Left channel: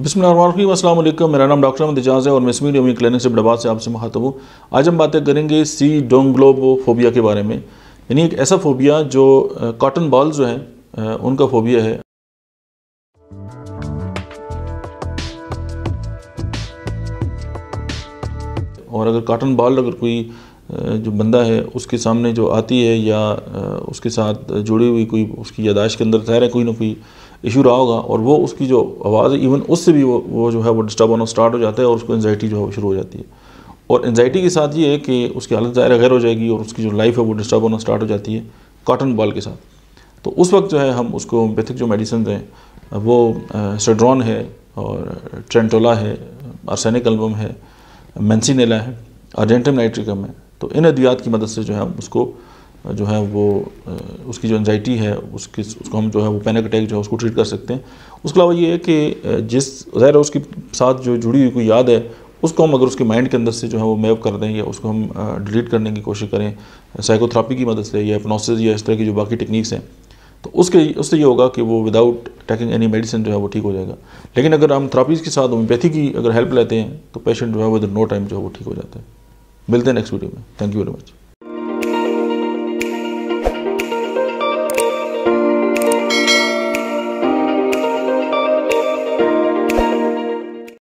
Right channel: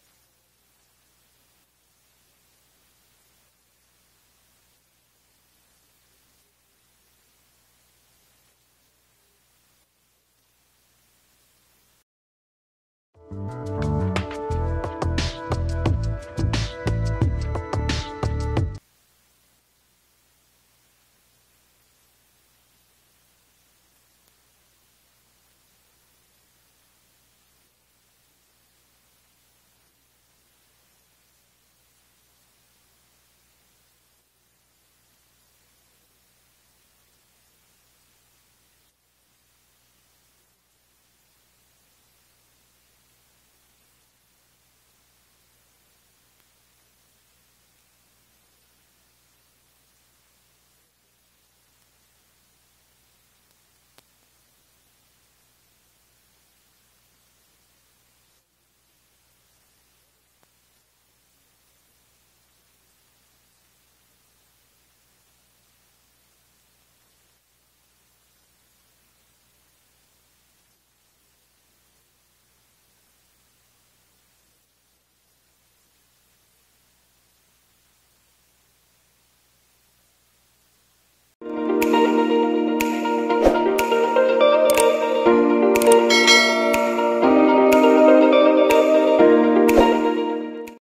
बिस्मिल्लाहिर्रहमानिर्रहीम, अस्सलाम वालेकुम। मेरा नाम डॉक्टर अहमद एजाज है और मैं स्मीडियम क्लिनिक से इब्राबाद से आपसे मुखातब हूँ। आज हम बातें करेंगे सीडोंग्लोफोबिया के बारे में, यानी एक ऐसा फोबिया जो कॉटन बॉल जो हैं उनका फोबिया है। और अगर कॉटन बॉल अगर कोई जो बंदा है उसके सामने जो आती है या उसके साथ जुड़ी हुई कोई उसकी यादाश्त के अंदर ज़ाहिर है कोई ना कोई इशू रहा होगा और वो उसकी जो आवाज़ है इवन उससे भी वो जो है वो डिस्टर्ब होना स्टार्ट हो जाता है और उसको एंजाइटी जो है वो शुरू हो जाती है। और एंजाइटी के साथ ये है कि उसकी हालत ज़ाहिर गैर हो जाएगी और उसकी जो लाइफ है वो डिस्टर्ब होना स्टार्ट हो जाती है कॉटन बॉल के साथ। तो उस वक्त जो है हम उसको होम्योपैथिक जो मेडिसिन हैं वो सेड्रॉन है और ट्रेंटोला है, आर्सेनिक एल्बम है, मेंसिनेला है, अर्जेंटम नाइट्रिकम है। तो इन अद्वियात की मदद से जो है हम उसको जो है वो उसकी जो एंजाइटी है उसको हम जो है वो पैनिक अटैक जो है उसको ट्रीट कर सकते हैं। उसके अलावा ये है कि जिस ज़ाहिर है उसके साथ जो जुड़ी हुई कोई याद है उसको हम अगर उसके माइंड के अंदर से जो है वो मैप कर दें या उसको हम डिलीट करने की कोशिश करें साइकोथेरेपी की मदद से या हिप्नोसिस या इस तरह की जो बाकी टेक्निक्स हैं, तो उससे ये होगा कि वो विदाउट टेकिंग एनी मेडिसिन जो है वो ठीक हो जाएगा। लेकिन अगर हम थेरापीज़ के साथ होम्योपैथी की अगर हेल्प लेते हैं तो पेशेंट जो है विद नो टाइम जो है वो ठीक हो जाता है। मिलते हैं नेक्स्ट वीडियो में। Thank you very much.